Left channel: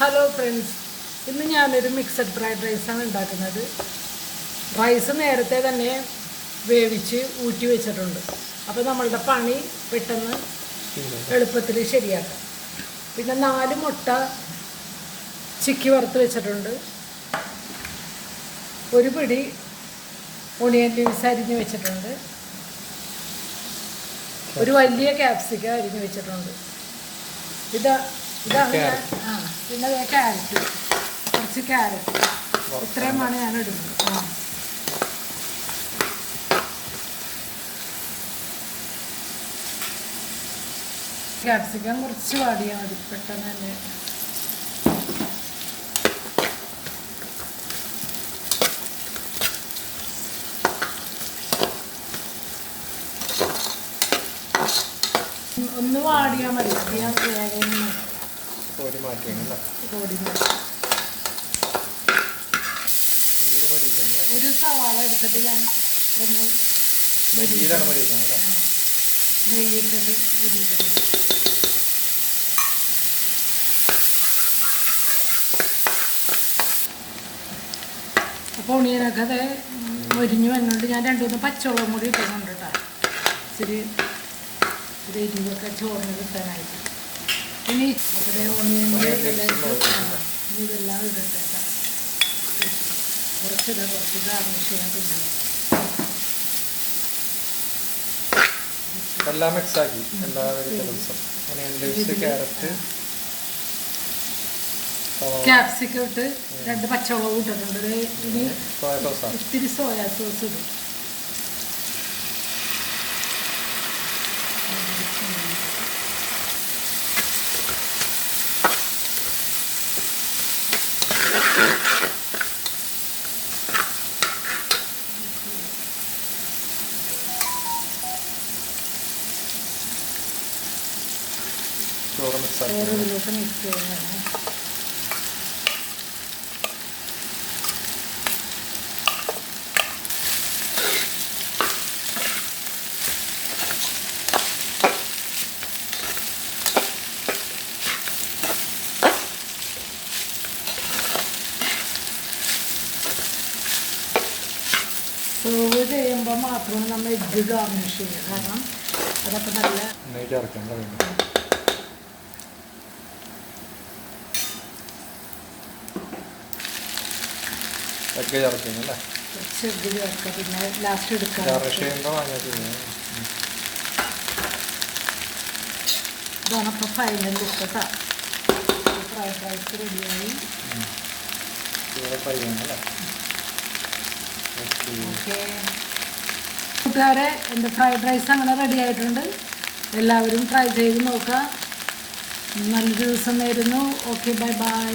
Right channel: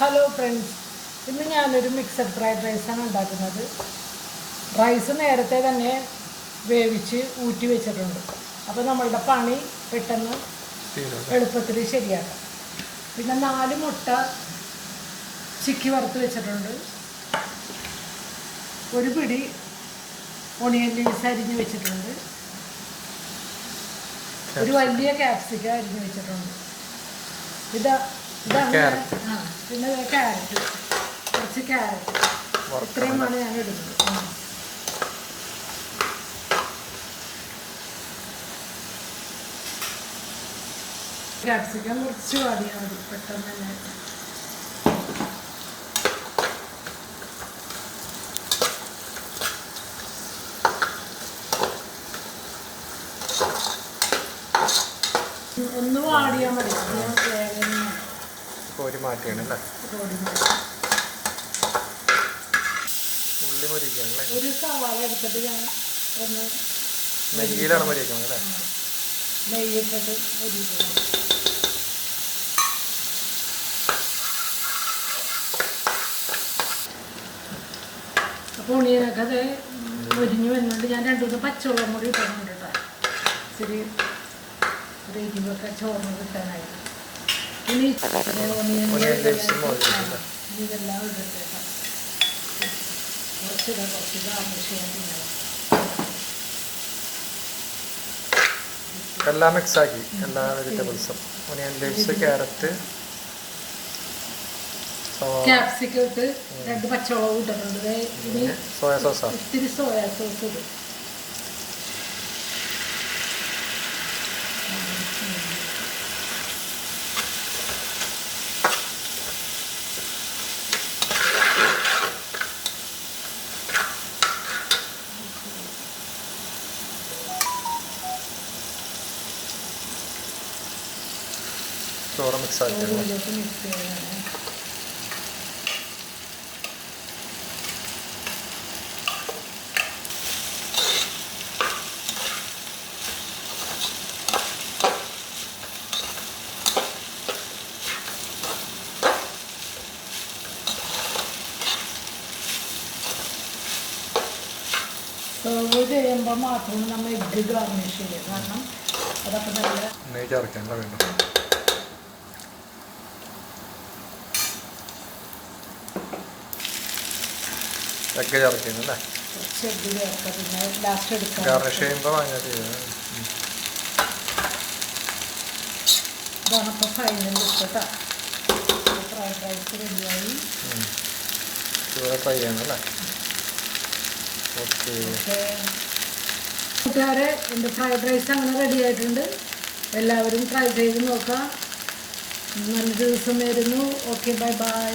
Hello friends, ഇന്ന് ഞാനൊരു mixed fried റൈസാണ് ഉണ്ടാക്കുന്നത്. റൈസ് നേരത്തെ തന്നെ വേവിച്ച് ഊറ്റി വെച്ചിട്ടുണ്ട്. അപ്പോൾ നമ്മളുടെ പണി പെട്ടെന്ന് എളുപ്പത്തിൽ ശരിയാണ്. പിന്നെ 4 മുട്ട ചിക്കി വറുത്ത് വെച്ചിട്ടുണ്ട്. ഒരു പിടി ഒണിയൻ ലീവ്സ് അരിഞ്ഞ് വെച്ചിട്ടുണ്ട്. ഒരു വലിയ ക്യാപ്സിക്കം അരിഞ്ഞ് വെച്ചിട്ടുണ്ട്. ഇതാണ് പിന്നെ ക്യാരറ്റ്, കുറച്ച് ക്യാരറ്റ്, ഇത്രയുമാണ് ഞാൻ ഇടുന്നത്. ക്യാപ്സിക്കം കുറച്ച് വാടിയാൽ മതി, പെട്ടെന്ന് തന്നെ. ഒന്ന് വാടിയാൽ മതി, ഞാൻ വേഗം കോരി മാറ്റിയാണല്ലേ. ഒരു സവാള എടുത്തിട്ട് ഞാൻ നെയ്യിലാണ് മരിക്കുന്നത് അല്ലേ. നെയ്യിട്ടിട്ട് മരിക്കണം. അപ്പോൾ ഉണിയനൊക്കെ അത് മൊരിഞ്ഞു വരുന്നുണ്ട്. ഞാൻ 2-3 പച്ചവെള്ളം കൂടി ഇട്ടുന്നുണ്ട് കേട്ടോ. ഇച്ചിരി ഒരു എരിവൊക്കെ ചോറിന് കിട്ടാനായിട്ട്. ഇനി ഇതെല്ലാം ഇട്ടിട്ട് കുറച്ച് ഗാർണിഷ് എല്ലാം മിക്സാക്കി, എല്ലാ വെജിറ്റബിൾസും, ഒനിയൻ ലീവ്സ്, ക്യാരറ്റ്, ക്യാപ്സിക്കം ഇട്ട് 2 പച്ചമുളക് ഇട്ടിട്ടുണ്ട്. ഇനി സോയാ സോസ്, ഇത്തിരി സോയാ സോസ് ഇടും. ചോറ് മിക്സാക്കി സെർവ് ചെയ്യുമ്പോൾ മാത്രം നമ്മൾ എഗ്ഗ് ഗാർണിഷ് ചെയ്യുക. കാരണം അതൊക്കെ നല്ല നെയ്യ് ചേർക്കണ്ട. എഗ്ഗ് ചേർക്കുന്നല്ലേ. എഗ്ഗ് ചേർക്കുക, പിന്നെ ലാസ്റ്റ് എടുക്കുക. ഗാർണിഷ് ചെയ്യുമ്പോൾ അങ്ങനെ ചെയ്യുന്നത്. ഇതാണ് ഇപ്പോൾ ഫൈനൽ ലുക്ക് കേട്ടോ. ഫ്രൈഡ് റൈസ് റെഡിയായി. ഫ്രൈ ചെയ്യണല്ലേ. കൂട്ടുകാരെ, എൻ്റെ ഫ്രൈഡ് റൈസ് അങ്ങനെ റെഡി ആയിട്ടുണ്ട്. എല്ലാവരും ട്രൈ ചെയ്ത് നോക്കുക. നല്ല ദിവസം വരുന്നു. Okay, bye bye.